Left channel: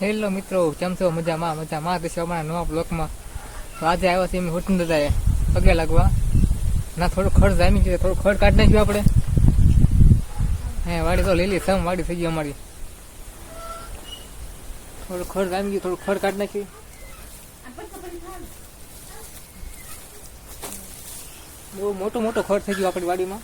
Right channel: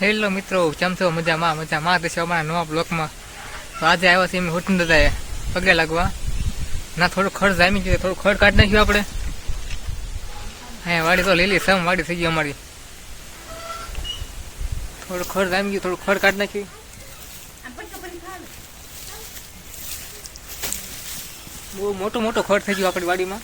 Hello મિત્રો, કેમ છો? મજામાં મજામાં. તો અમારા નવા બ્લોકમાં. તો આજે આવ્યા છે એમ હોટલ દાદાએ. પગે લાગવા. ના, થોડું ખર્ચ જામી ગયું થોડું ખડ કાઢી નાખ્યું આપણે. હા વાડી તો લીલી સમ વાડી થઈ ગઈ અમારી. થોડું ખર્ચ જામી ગયું, થોડું ખડ કાઢી નાખ્યું. બહુ મોટો મોટો ખર્ચ થઈ ગયો આપણી વાડીમાં.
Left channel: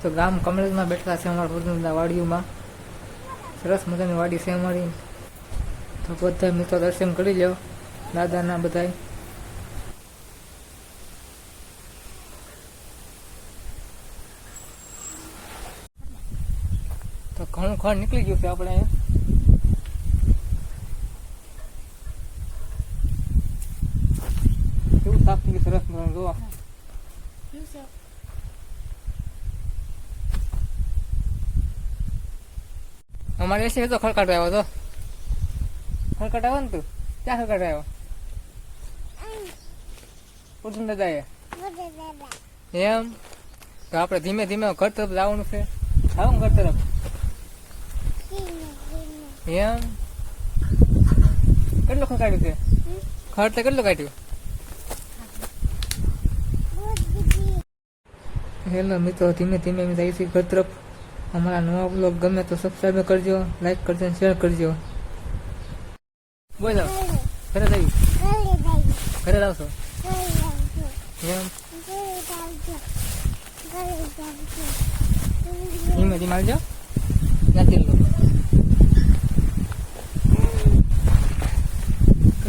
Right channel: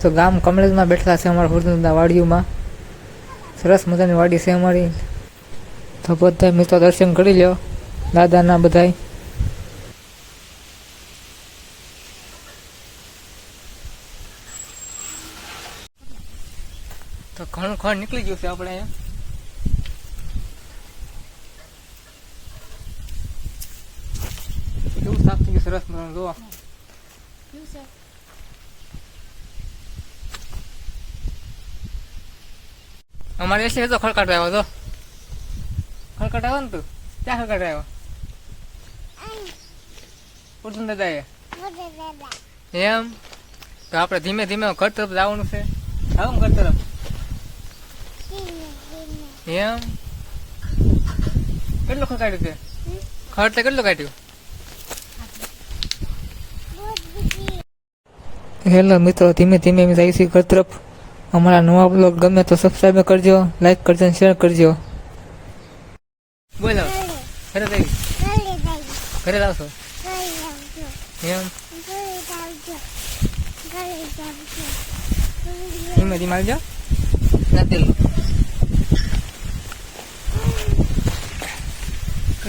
તો ગામ કમલેજમાં બેઠેલા છે અમારા હુરદા વાડીઓમાં સરસ મજાની વાડી છે અમારી તો બધા મિત્રો દર્શન કરી લ્યો દાદાના બધાય તો ઘણું ખણ નીકળી ગયું છે આપણે અહીંયા. કેવું સાફ થઈ ગયું સરસ મજાનું જોવા અમારે એસી તો ખડકાટ આવ્યો તો ખડકાટ આવ્યો ને તું? ક્યાં ખડકાટ આવ્યો? પૂછું દાદા. એમ? તો આપણે ધીમે ધીમે ઘર તરફ જવાનું છે. આવું ઘર તરફ. એમ કેટલું ખડકાટ્યું તે ખડ તે કેટલું કાઢ્યું હેલો મિત્રો ધીમે ધીમે અમે જઈએ છીએ ઘર તરફ અમારા નવા બ્લોગ ગમે તો સબસ્ક્રાઈબ કરજો લાઈક કરજો અને શેર કરજો બોલો ઘરે જઈ ઘરે આવશો એમ ધીમે ધીમે આવજો નથી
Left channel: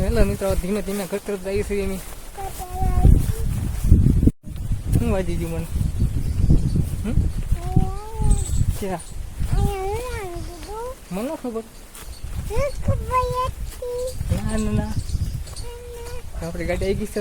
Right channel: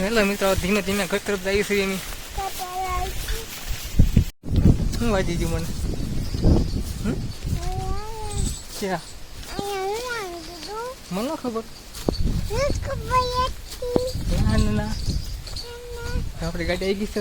હેલો મિત્રો ધીમે ધીમે ઘર તરફ જઈએ છીએ અમે શું વાજી ગયું મને? ક્યાં? મને ખબર. ના ના. આપણી ગાડી આવી ગઈ છે.